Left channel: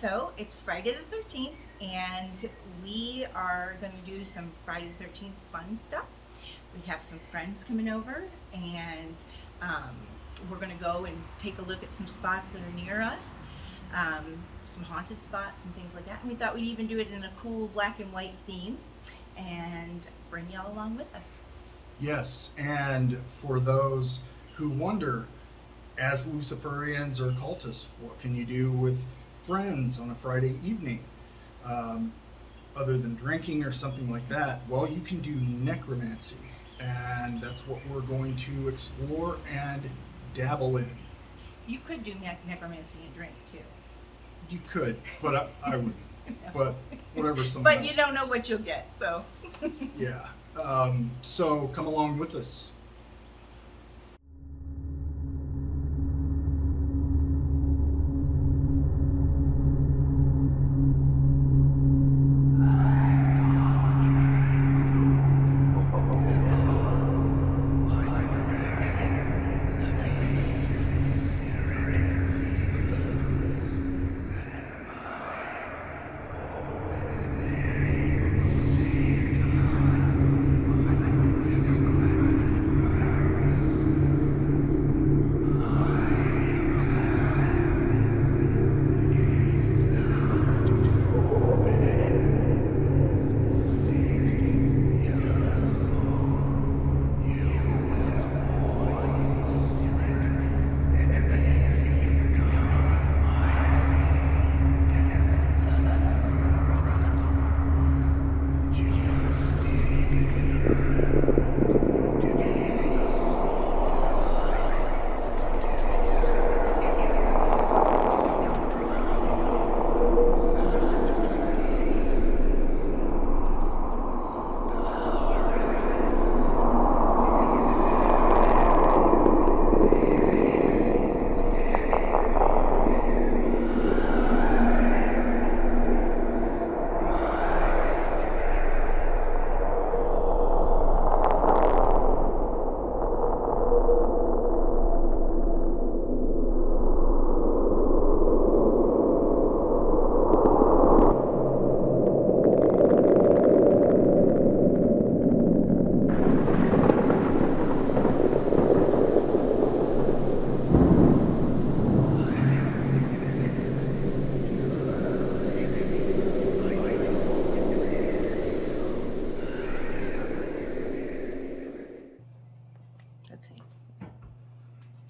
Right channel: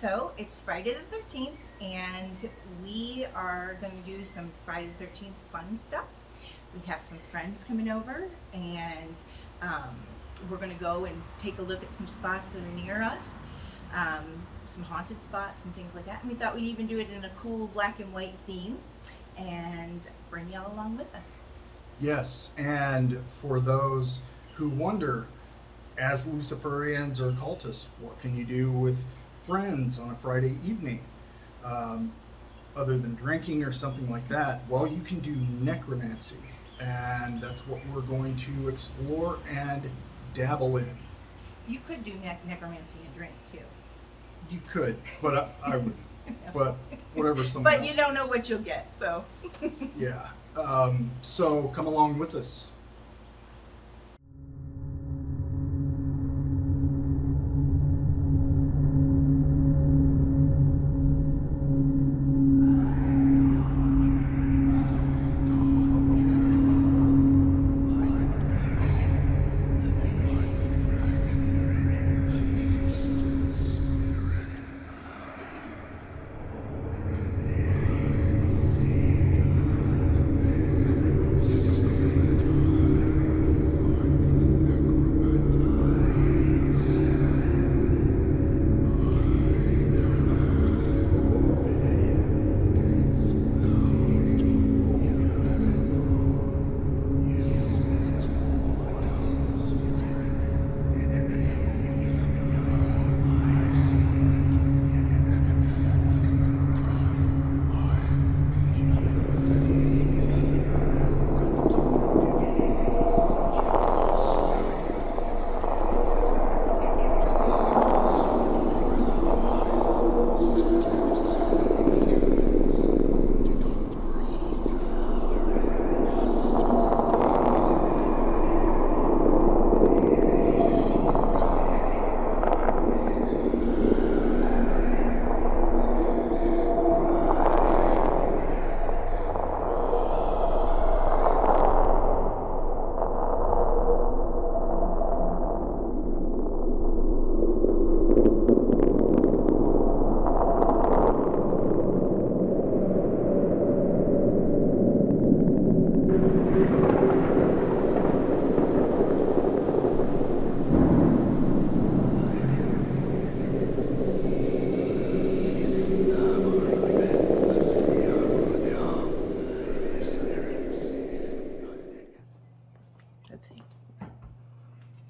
So it's Friday the 13th, and we are going to do some Friday the 13th fun stuff. We have some friends coming over, and we're going to go and take a look at some spots that are near us, some haunted spots and things like that. And we thought we'd even do it in a cool black and white theme and bring y'all along with us. Yes, and for those who wonder, as Luciferians or cultists, what can you do with friends on a Friday evening other than drinking or something like that? Well, you can do necromancy, and that's what we're going to explore and dabble in. You could do necromancy and drink too. You could, but I would. But whatever someone But you don't know what you'll get, so. Yeah. So come along with us.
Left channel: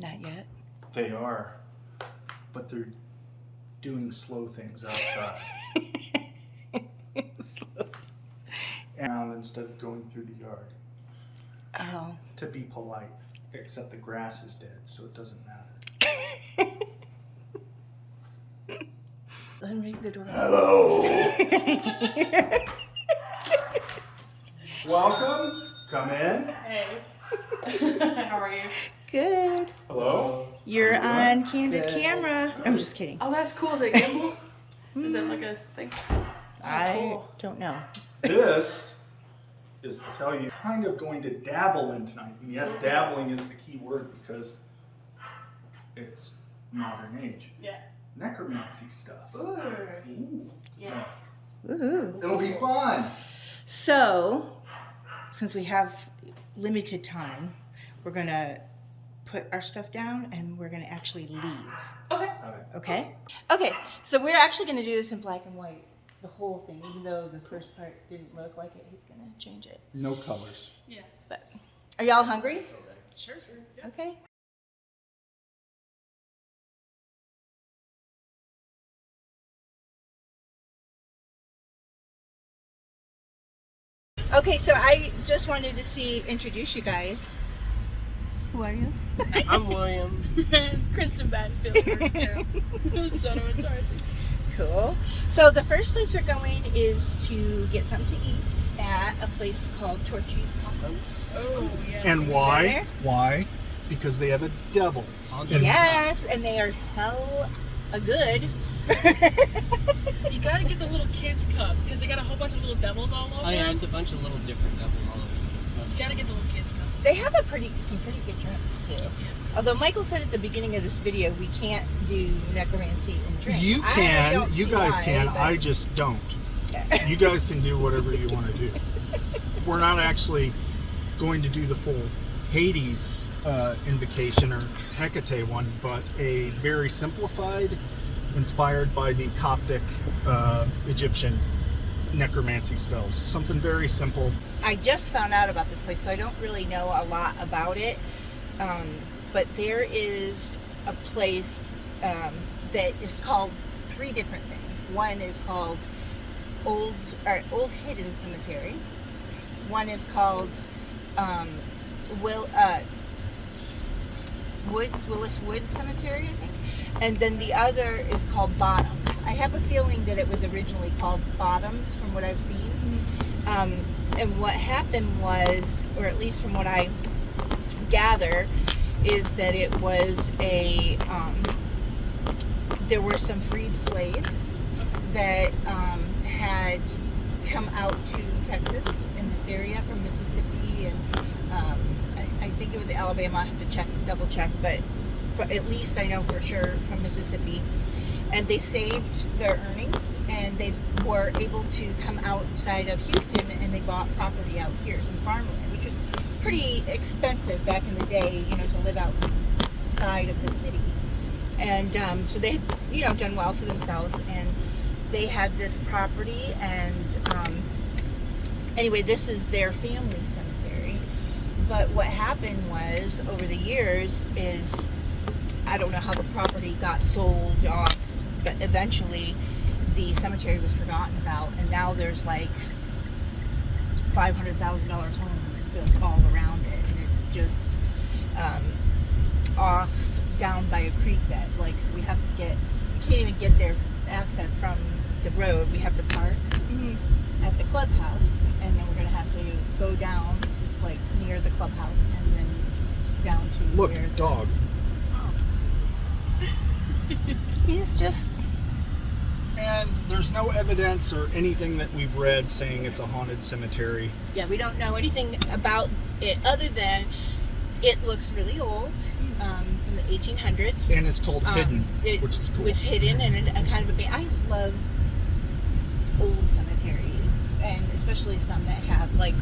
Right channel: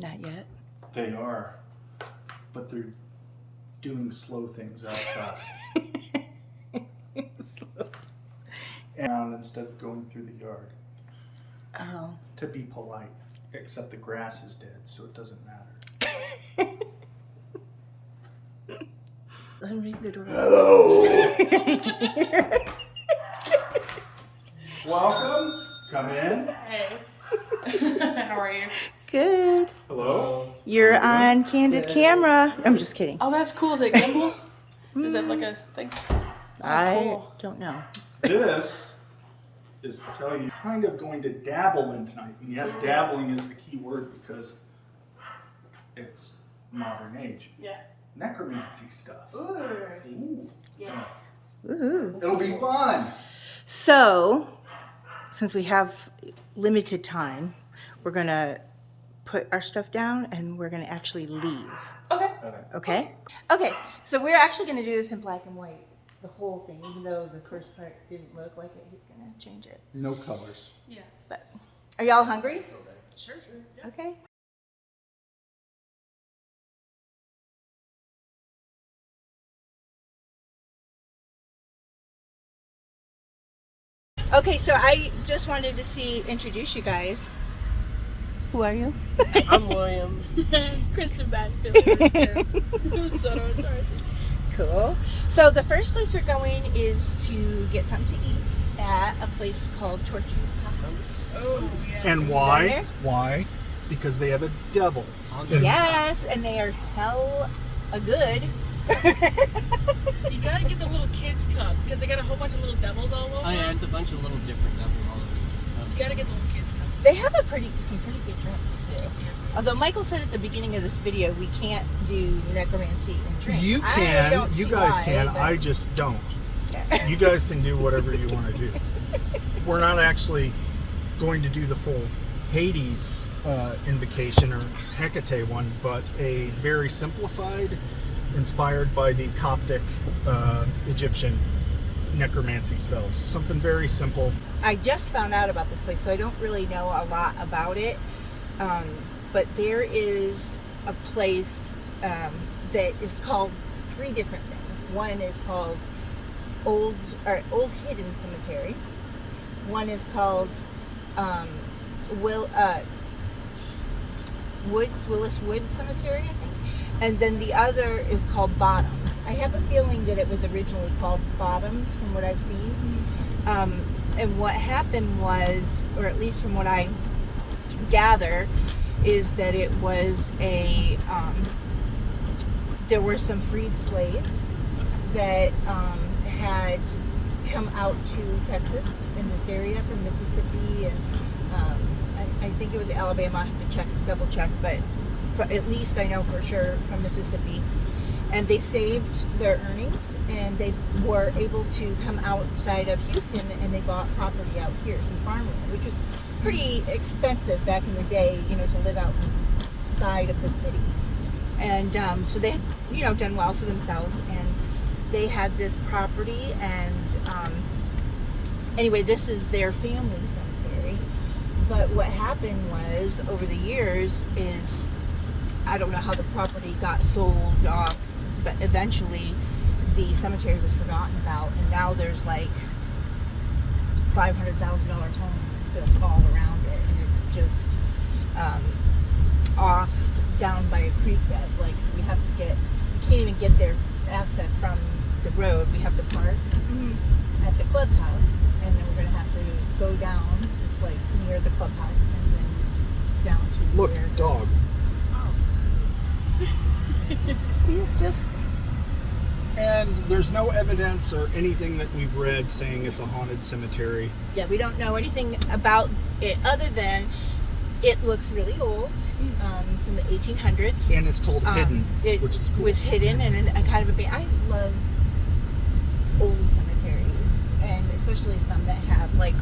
Not yet. They are, but they're doing slow things outside. And instead of going through the yard. Oh. To be polite, except the grass is dead, so it doesn't matter. Let me ring the doorbell. Hello. Welcome. Come in. Hey. How are you? Good. Hello. You're on candid camera. I'm just kidding. Oh, that's cool. Is it gimbal? Is it like a thing? I don't know. This is to tell you, kind of going to dabble in tonight. And yes, dabbling is the key word because it's modern age. Yeah. Necromancy stuff. Ooh. Ooh. Yes. Woohoo. It'll be fun. So, since we have limited time, we're going to put our stuff down and we're going to actually leave. Okay. Okay? Okay, so we're actually going to do this in black and white, the whole thing, even though the first part didn't look like it. He's going to change it. No colors. Yeah. But are y'all hungry? Sure. Yeah. Okay. Okay, so I just wanted to introduce you guys. Who are you? I'm William. Kristin Will. Soto and Tarsi. Cool. So the first place we're going is to get something to eat at a place called Torchy's Tacos. Oh, yes. And why? There? Why? Because they have a devil. Yes, and they are hell a good. You gotta get the little kids cup because they got a whole bunch of little devils all over. Oh yeah, it's a bunch of little different devils all over the place. You gotta get the little kids cup. They have some pretty good drinks too. Although Michael said at the beginning of this video we can't do necromancy and drinks. You can, you guys can. But... I just don't. You guys can do whatever you want to do. We're not actually going to do the full Hades invocation or Hecate one, but a very simplified, inspired by the Coptic Egyptian necromancy spells. Something very simple. I just found out about this place, so I don't really know a lot about it. But there is a place that is called 3 different things. One is called Old Hidden Cemetery. One is called Willis Wood Cemetery, I think. And then the other is called Bottoms. I have a feeling that it was originally called Bottoms from what I've seen. And what happened was, or at least from what I gather, is that it was there were some freed slaves that had come out to Texas in this area from Mississippi, and I think it was Alabama. I have to double check, but at least I know for sure from Mississippi. And they saved their earnings, and they were able to come outside of Houston, and they bought property out here, some farmland, which was pretty expensive back in the day, to live outside of the city. And so they had, done well for themselves, and they had this property, and anyway, this is their family cemetery. But what happened was, over the years, is I don't know how the property got sold off, but eventually the cemetery was forgotten about, and now there's like $500,000 homes built all around it, and it's just off down by a creek bed. Like, so we can't even get their access from the road. We have to park at the clubhouse, and then we're gonna have to go down just like near the clubhouse, and then down to Look, where dog. he's just. And there's no evidence or anything that we've read saying it's a haunted cemetery. Yeah, we don't know anything about it other than it looks really old, from the 1800s. And it's called Hidden, which is cool. It was hidden, and a kind of I love old cemeteries, and especially some that have, like,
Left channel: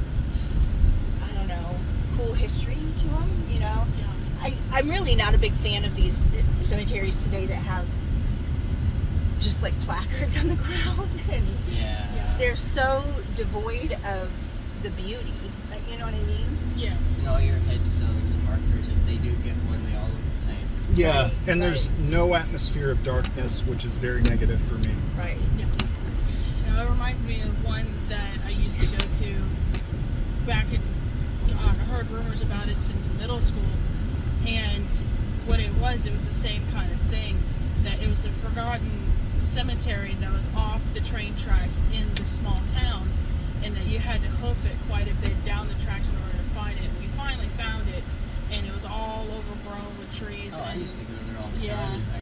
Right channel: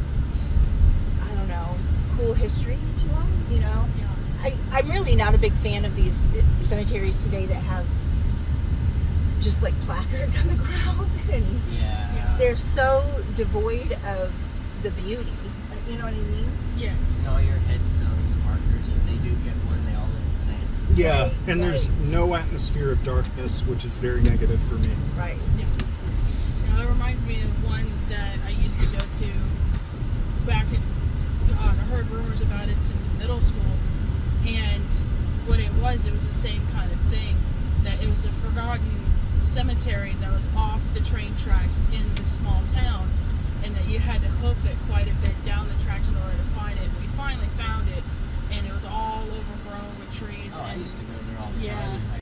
I don't know, cool history to them, Yeah. I'm really not a big fan of these cemeteries today that have just like placards on the ground, and they're so devoid of the beauty. You know what I mean? Yes. All your headstones and markers, if they do get one, they all look the same. Yeah, Right, and there's no atmosphere of darkness, which is very negative for me. Right. It reminds me of one that I used to go to back in, I heard rumors about it since middle school, and what it was the same kind of thing, that it was a forgotten cemetery that was off the train tracks in the small town, and that you had to hoof it quite a bit down the tracks in order to find it. We finally found it, and it was all overgrown with trees. Oh, I and used to go there all the Yeah. time.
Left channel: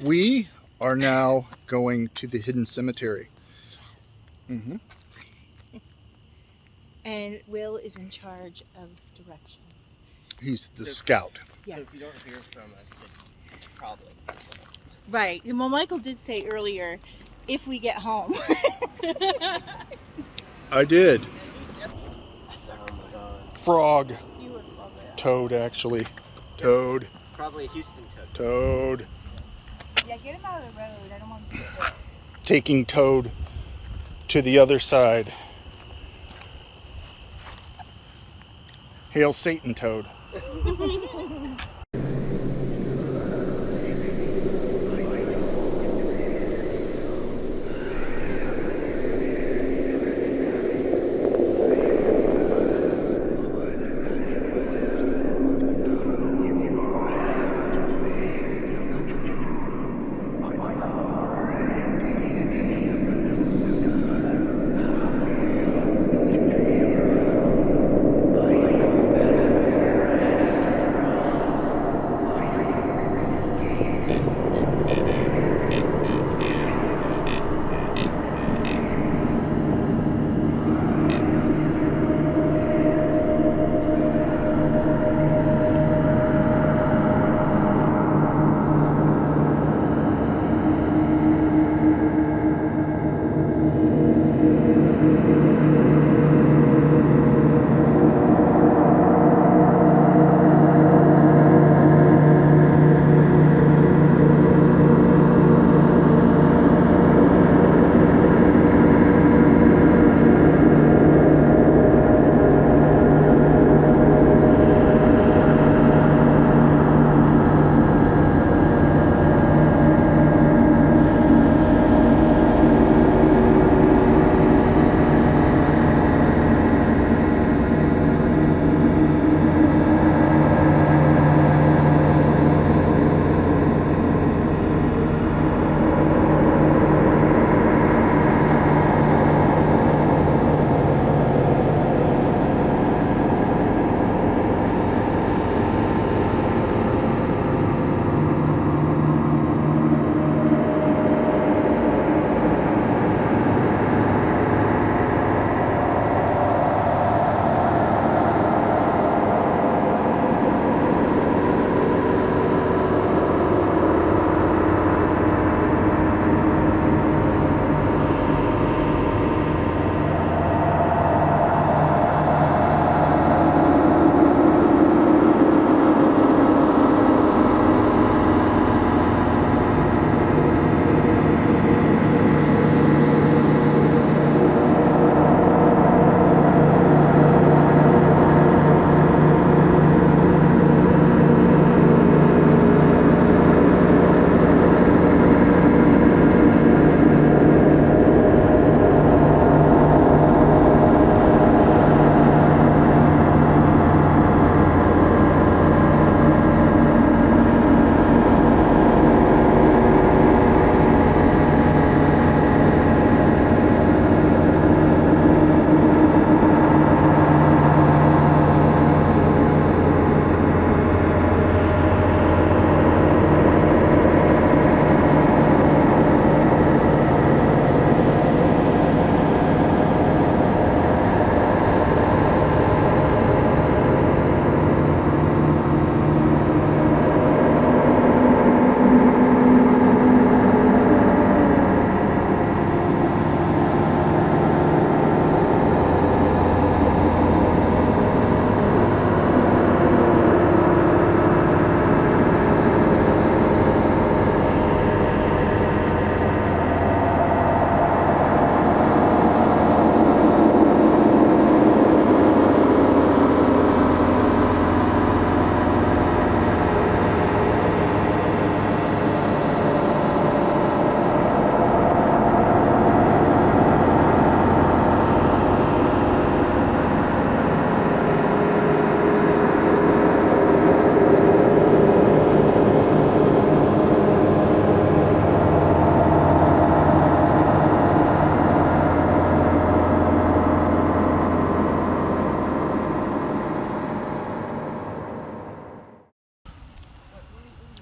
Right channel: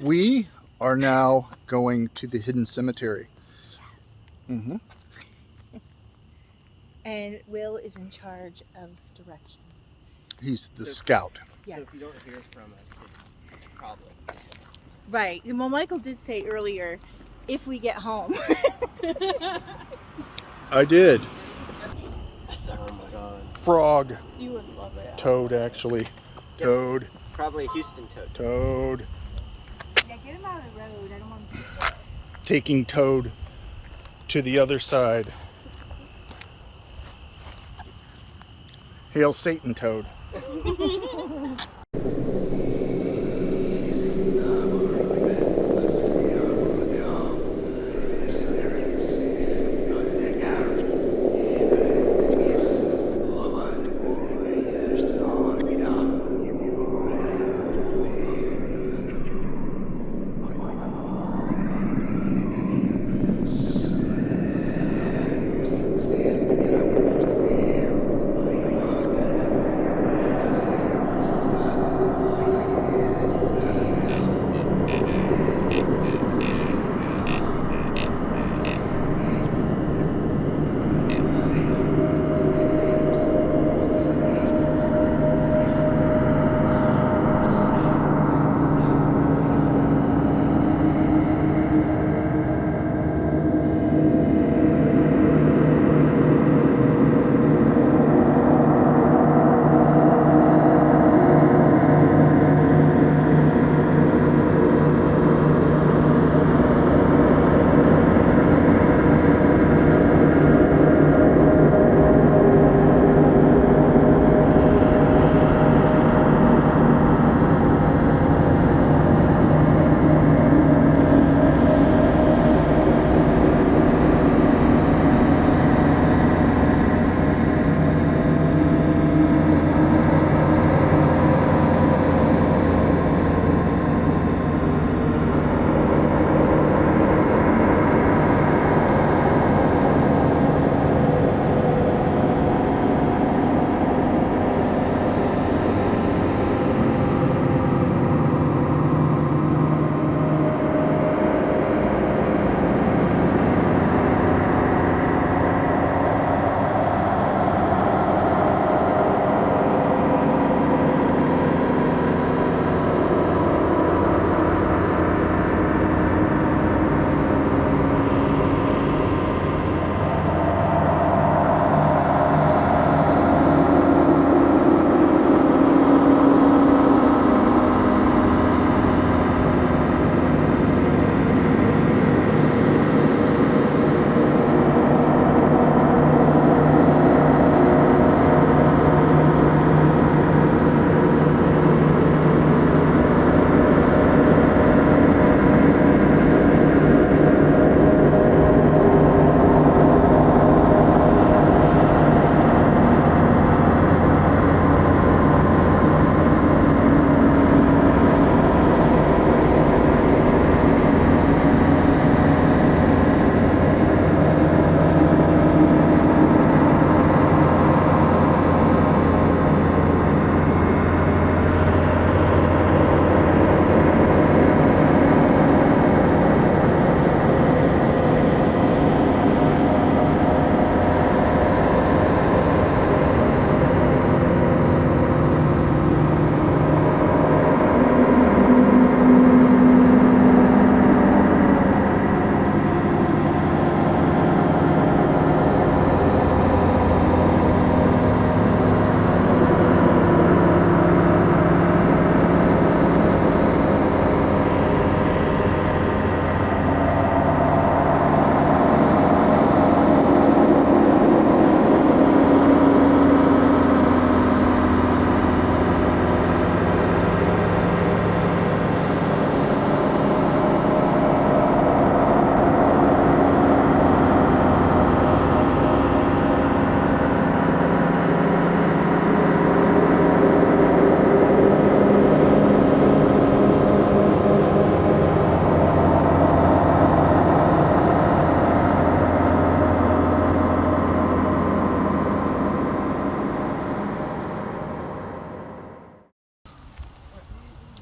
We are now going to the Hidden Cemetery. Mm-hmm. And Will is in charge of directions. He's the scout. Yeah. So if you don't hear from us, it's probably. Right. Well, Michael did say earlier, if we get home. I did. Oh my god. Frog. You would love it. Toad, actually. Toad. Probably a Houston toad. Toad. Yeah, get him out of the road. I don't want him to. Taking Toad to the other side. Hail Satan, Toad.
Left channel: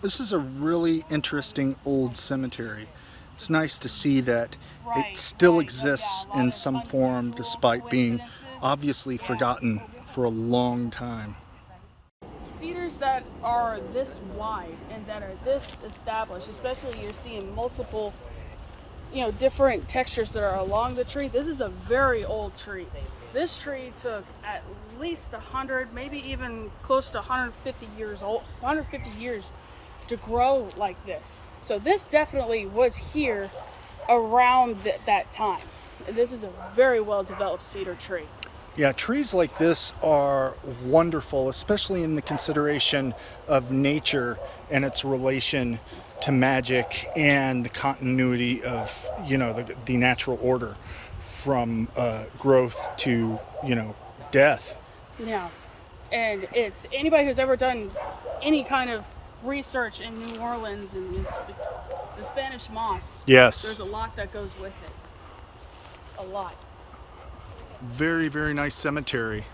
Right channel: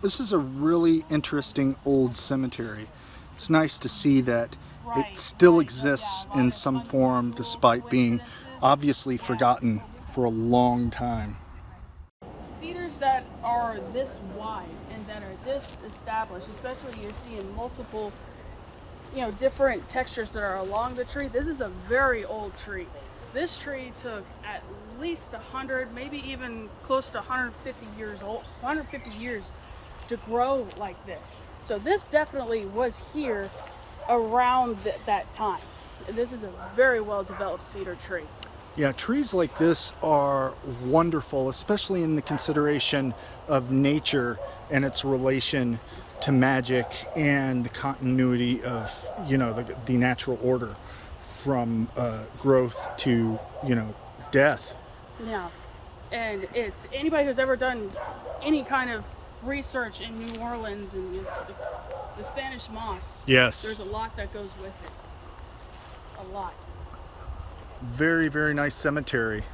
This is a really interesting old cemetery. It's nice to see that it still exists in some form despite being obviously forgotten for a long time. Cedars that are this wide and that are this established, especially you're seeing multiple, different textures that are along the tree. This is a very old tree. This tree took at least 100, maybe even close to 150 years old, 150 years to grow like this. So this definitely was here around that time. And this is a very well developed cedar tree. Yeah, trees like this are wonderful, especially in the consideration of nature and its relation to magic and the continuity of, the natural order from growth to, death. Yeah. And it's anybody who's ever done any kind of research in New Orleans and the Spanish moss. Yes. There's a lot that goes with it. A lot. Very, very nice cemetery.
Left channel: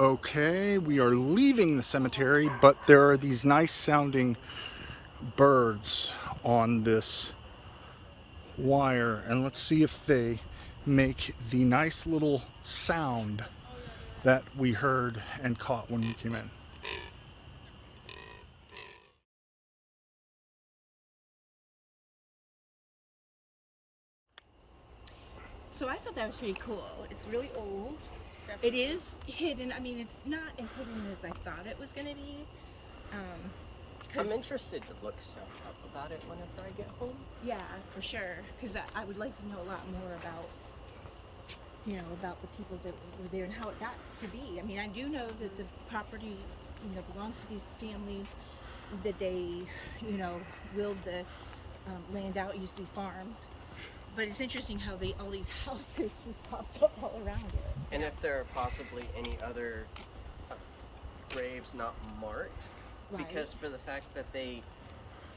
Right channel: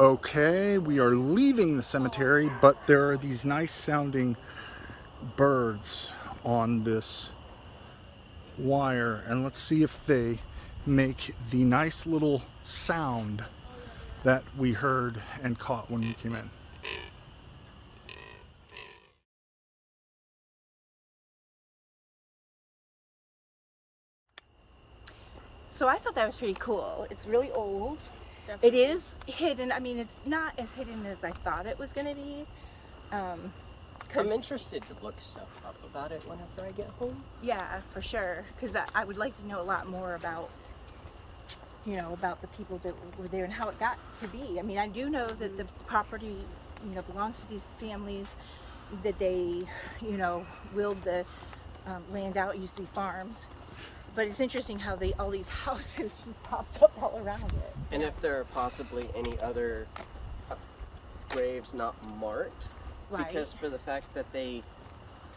Okay, we are leaving the cemetery, but there are these nice sounding birds on this wire, and let's see if they make the nice little sound that we heard and caught when we came in. So I thought that was pretty cool. It's really old. It is hidden. I mean, it's not as hidden as I thought it was going to be. I'm interested to look stuff up about it whenever I get home. Yeah, for sure. Because I would like to know a lot more about, about the people that were there and how it got to be. I mean, I do know that the property, belongs to these families, that they, willed the land out. It used to be farms. But it's interesting how all these houses just popped up all around it. And if there are possibly any other graves not marked. Right. Because for the fact that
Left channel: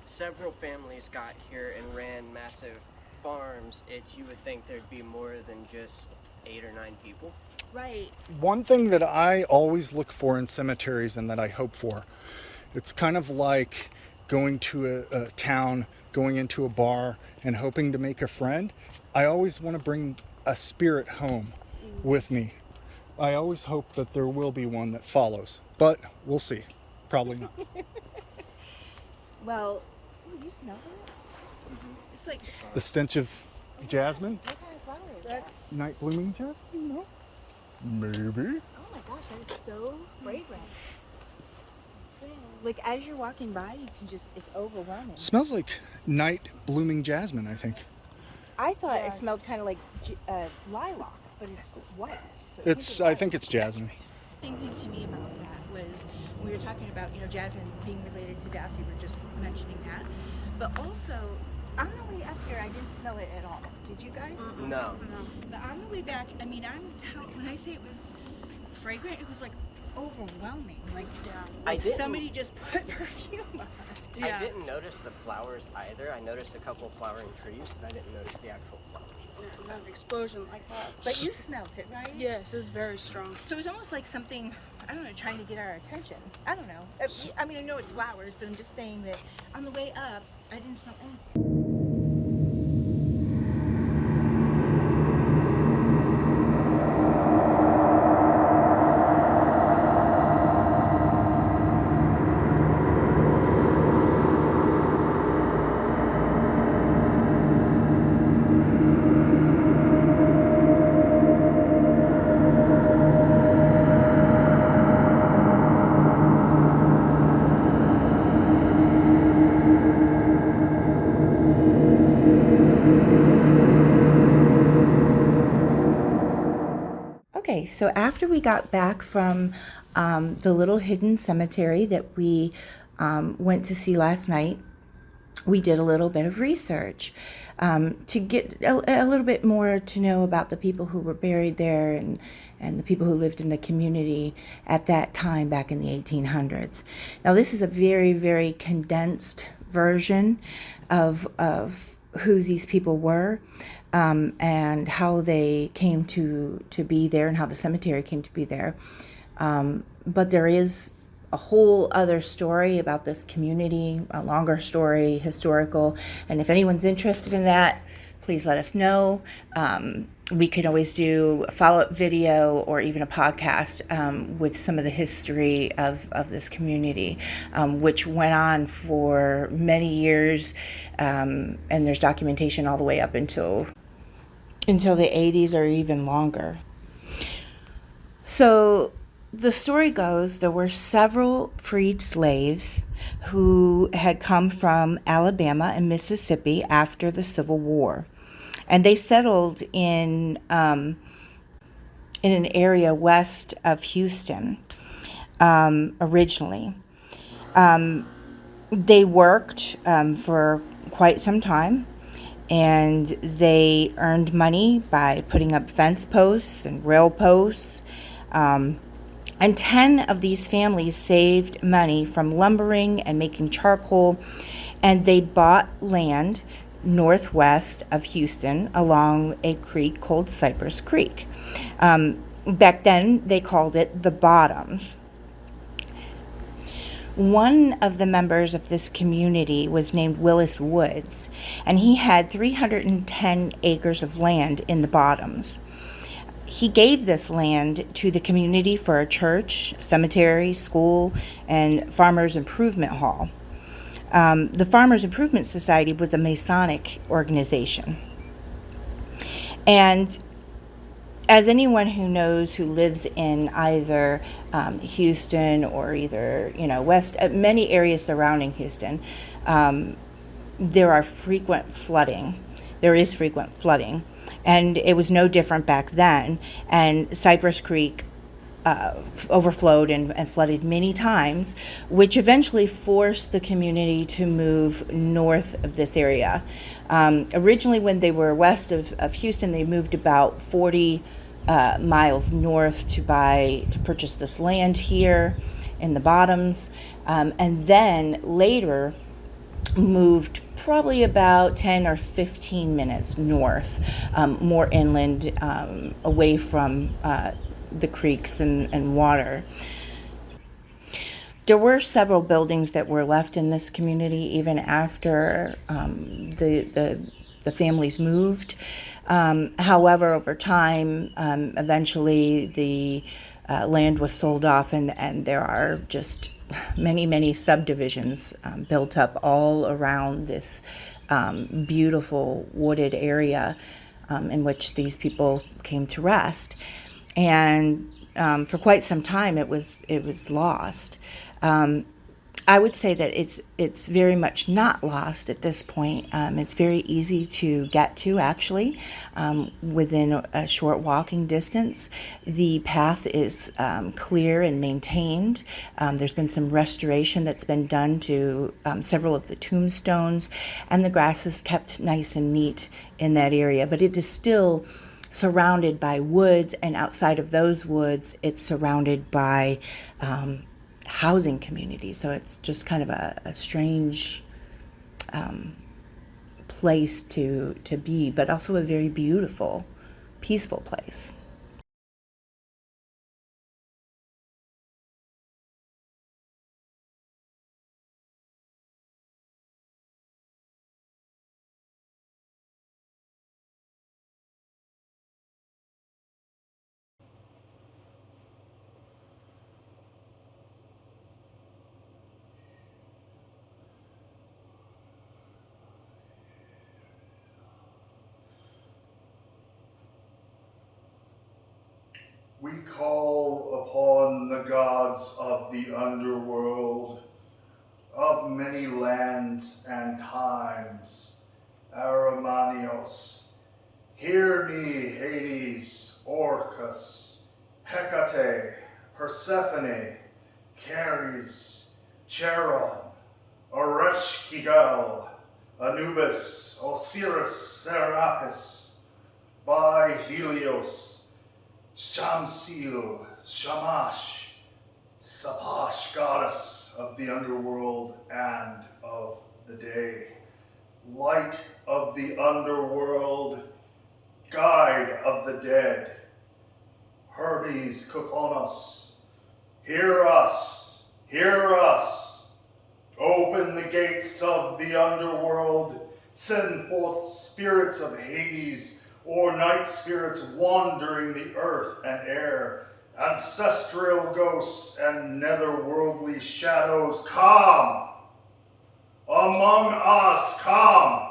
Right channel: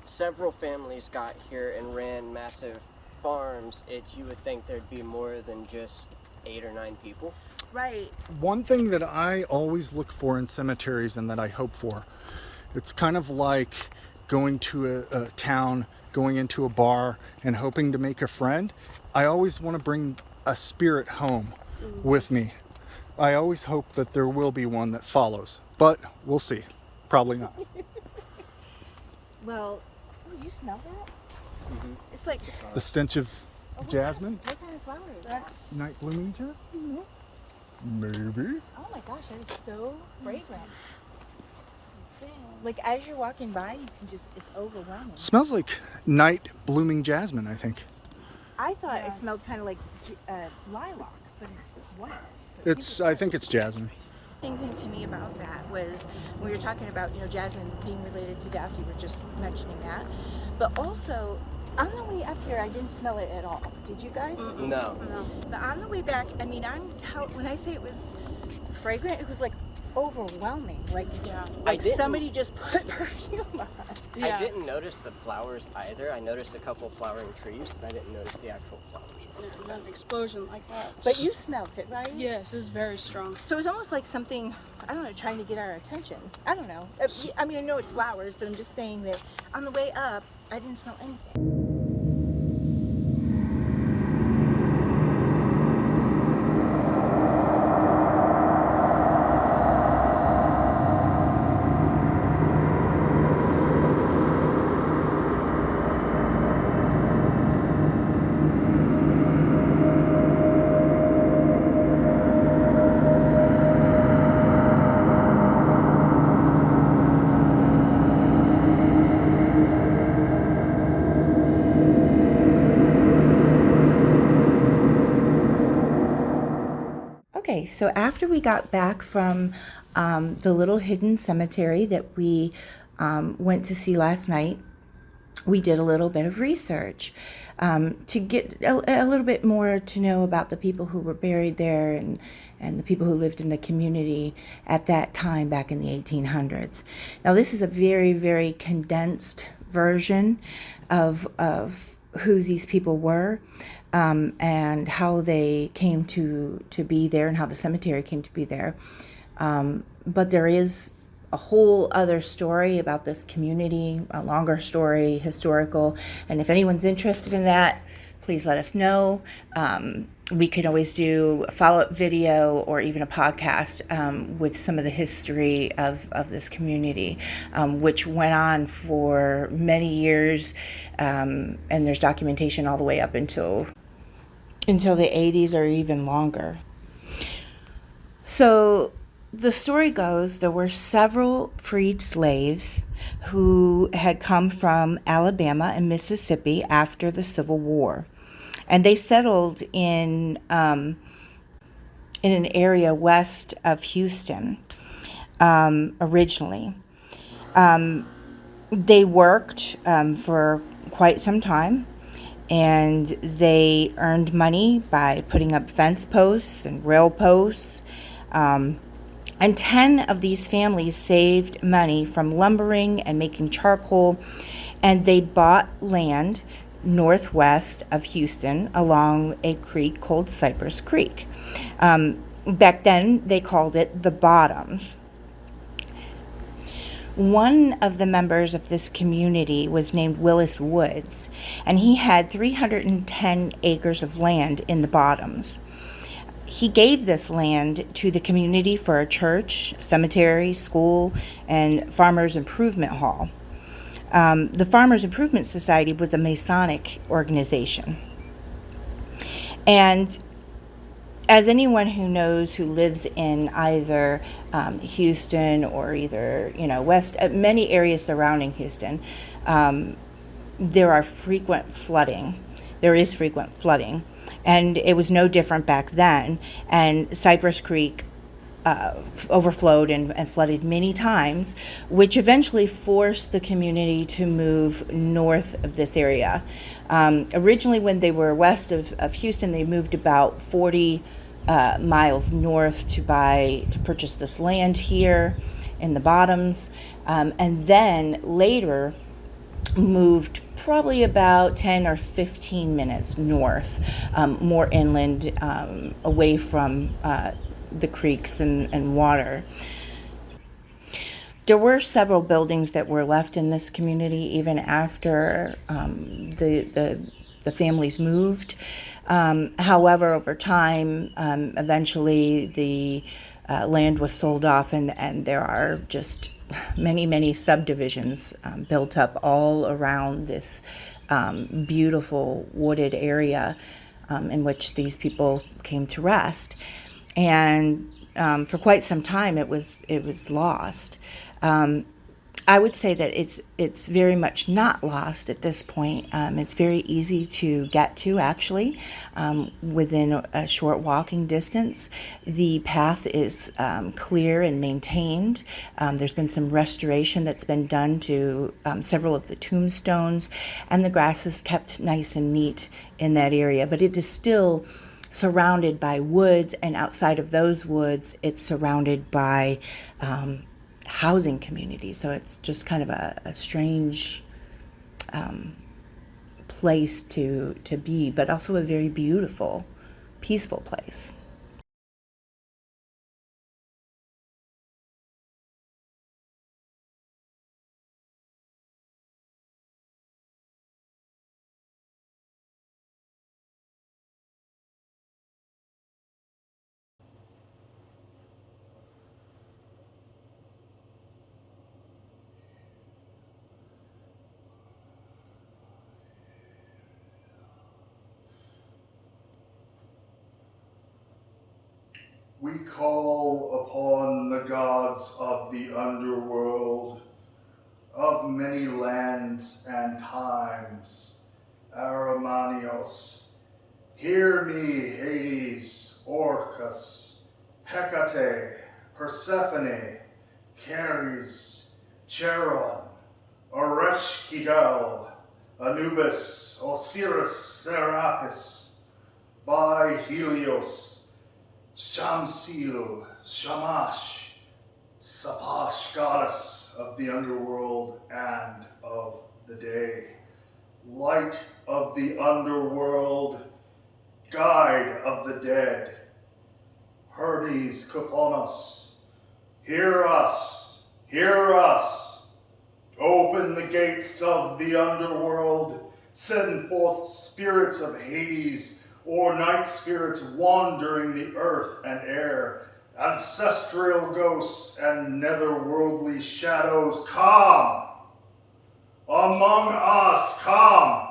several families got here and ran massive farms, you would think there'd be more than just 8 or 9 people. Right. One thing that I always look for in cemeteries and that I hope for, it's kind of like going to a town, going into a bar and hoping to make a friend. I always want to bring a spirit home with me. I always hope that there will be one that follows, but we'll see. Probably not. Well, you smell that? Mm-hmm. It's like The stench of jasmine? What kind of flower is that? Night blooming jasmine? No? Maybe. Oh my gosh, that is so fragrant. Like as you're walking by, you can it's overwhelming. Smells like night blooming jasmine, I think. I thought it smelled kind of like lilac, but it's white. So I think it's jasmine. The thing to me about that was when we were talking about, jasmine being related to death, we were just mentioning that. But also, on the way up here, I didn't smell it at all. Did you guys? No. But on the way back, I mean, when I say it was fragrant, it was like overwhelming. Like, like somebody just put perfume on. Yeah. I didn't notice the flowers either. I noticed a couple of flowering trees, but I didn't notice the actual flowers. An explosion like that. But you smelled it, right? Yes, it's very strong. So it was almost like something, I don't know, trying to get our attention. I don't know. I mean, I know it's flowers, but I'm just saying that on the way up, I didn't smell anything. Okay, so after we got back from the little hidden cemetery that we went to see last night, we did a little bit of research to get a little bit more to know about the people who were buried there and the people who lived in the community at that time back in the 1800s. Now, this is a very, very condensed version of who these people were. And how they came to be there and how the cemetery came to be there. But there is a whole other story about this community, a longer story, historical. And if anyone's interested in that, please let us know. We could always do a follow-up video or even a podcast with some of the history of this community, which went on for many years, and there's documentation all the way up until the 80s or even longer. So the story goes there were several freed slaves who had come from Alabama and Mississippi after the Civil War. And they settled in an area west of Houston originally. They worked for quite some time, and they earned money by putting up fence posts and rail posts. And 10 of these families saved money from lumbering and making charcoal, and they bought land northwest of Houston along a creek called Cypress Creek. Back then, they called it the Bottoms. One of the members of this community was named Willis Woods, and he had 310 acres of land in the Bottoms. He gave this land to the community for a church, cemetery, school, and Farmers Improvement Hall. The Farmers Improvement Society was a Masonic organization. And as anyone who knows who lives in either Houston or either, west, many areas surrounding Houston, there is frequent flooding. And it was no different back then. And Cypress Creek overflowed and flooded many times, which eventually forced the community to move north of this area. Originally, when they were west of Houston, they moved about 40 miles north to purchase this land here in the Bottoms, and then later moved probably about 10 or 15 minutes north, more inland, away from the creeks and water. There were several buildings that were left in this community even after the families moved. However, over time, eventually the land was sold off, and there are just many subdivisions built up all around this beautiful wooded area in which these people came to rest. And for quite some time, it was lost. I would say that it's very much not lost at this point. It's very easy to get to, actually, within a short walking distance. The path is clear and maintained. There's been some restoration that's been done to several of the tombstones, and the grass is kept nice and neat in that area. But it is still surrounded by woods, and outside of those woods, it's surrounded by housing communities. So it's just kind of a strange place to be, but also a very beautiful, peaceful place. We call upon the gods of the underworld, of many lands and times. Aramanios, hear me, Hades, Orcus, Hecate, Persephone, Ceres, Charon, Ereshkigal, Anubis, Osiris, Serapis, by Helios, Shamsil, Shamash, Sapash, goddess of the underworld and of the day. Light of the underworld, guide of the dead. Hermes Kuphonos, hear us, Hear us. Open the gates of the underworld. Send forth spirits of Hades, or night spirits wandering the earth and air. Ancestral ghosts and netherworldly shadows, come. Among us, come.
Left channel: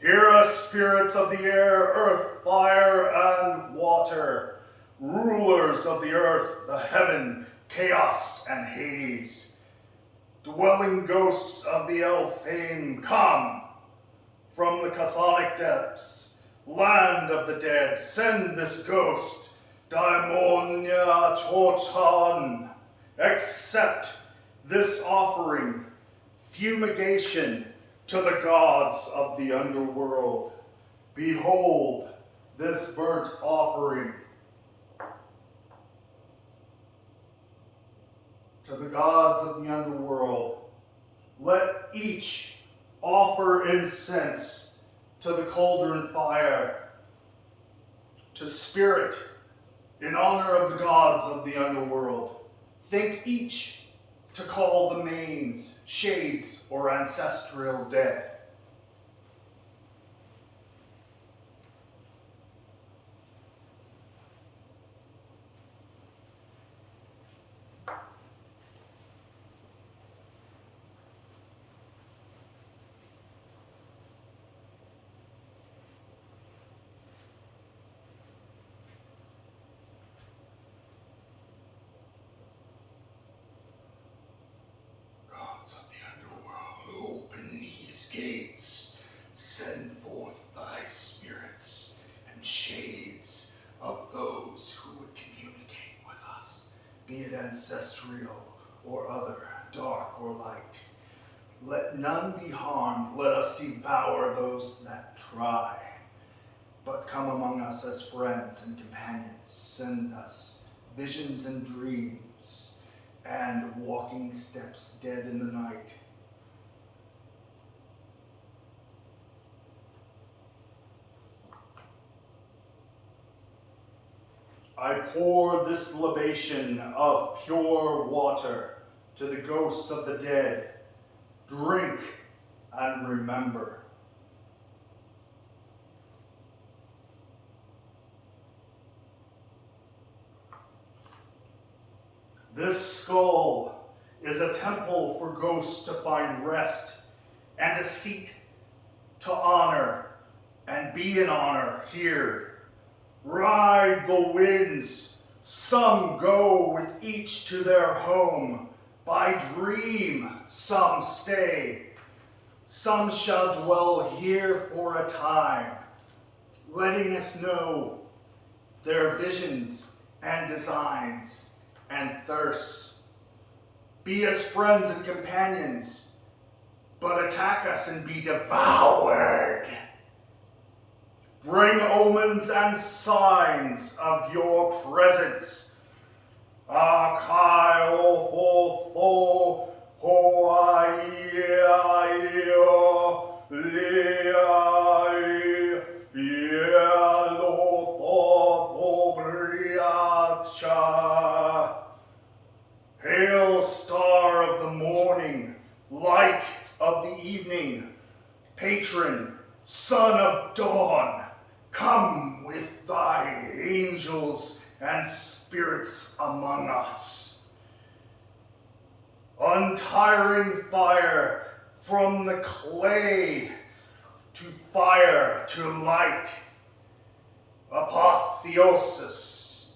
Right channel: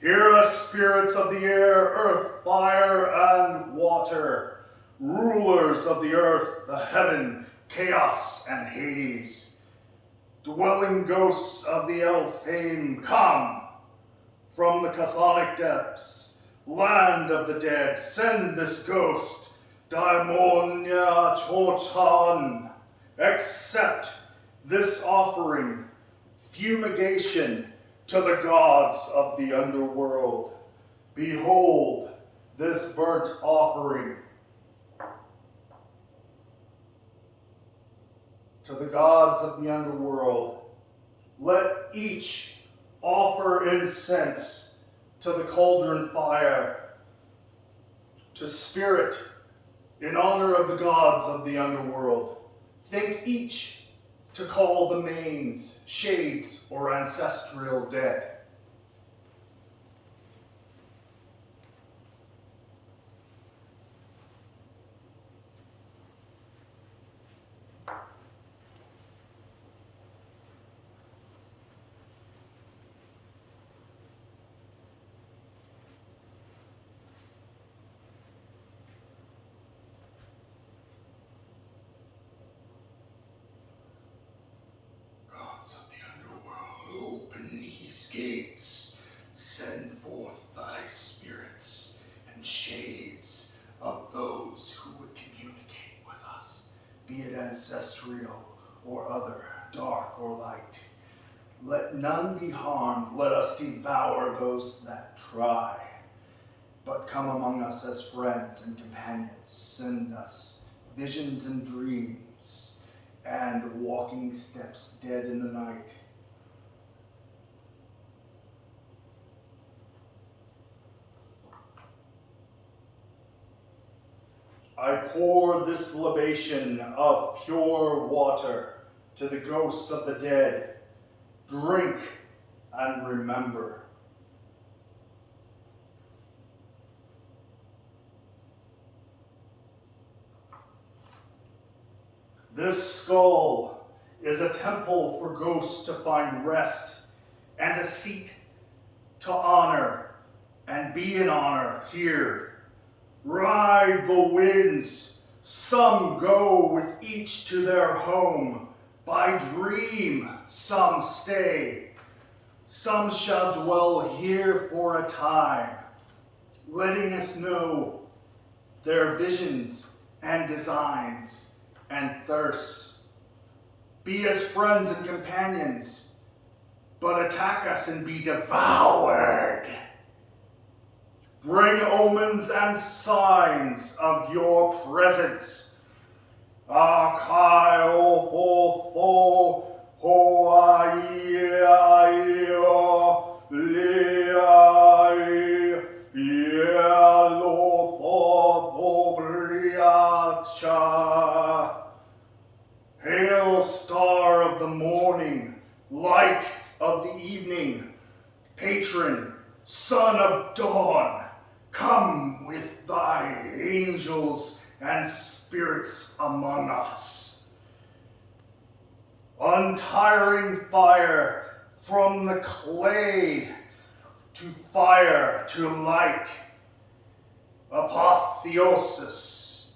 Hear us, spirits of the air, earth, fire, and water, rulers of the earth, the heaven, chaos, and Hades. Dwelling ghosts of the Elfame, come. From the chthonic depths, land of the dead, send this ghost, Daimonia Toton. Accept this offering, fumigation, to the gods of the underworld. Behold this burnt offering. To the gods of the underworld, let each offer incense to the cauldron fire. To spirit, in honor of the gods of the underworld, think each to call the manes, shades, or ancestral dead. Gates, send forth thy spirits and shades of those who would communicate with us, be it ancestral or other, dark or light. Let none be harmed, let us devour those that try. But come among us as friends and companions, send us visions and dreams, and walking steps dead in the night. I pour this libation of pure water to the ghosts of the dead. Drink and remember. This skull is a temple for ghosts to find rest, and a seat to honor and be in honor here. Ride the winds, some go with each to their home. By dream, some stay. Some shall dwell here for a time, letting us know their visions and designs and thirsts. Be as friends and companions, but attack us and be devoured. Bring omens and signs of your presence. Akai o fo fo ho ai ai o li ai ia lo fo briacha. Hail, star of the morning, light of the evening, patron, son of dawn, come with thy angels and spirits among us. Untiring fire from the clay to fire to light. Apotheosis,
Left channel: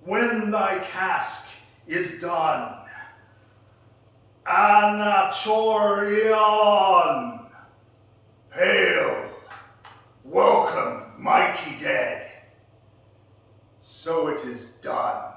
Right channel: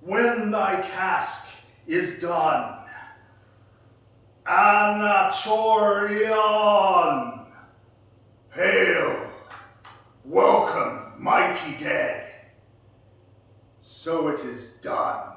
when thy task is done. Anachorion, hail, welcome, mighty dead. So it is done.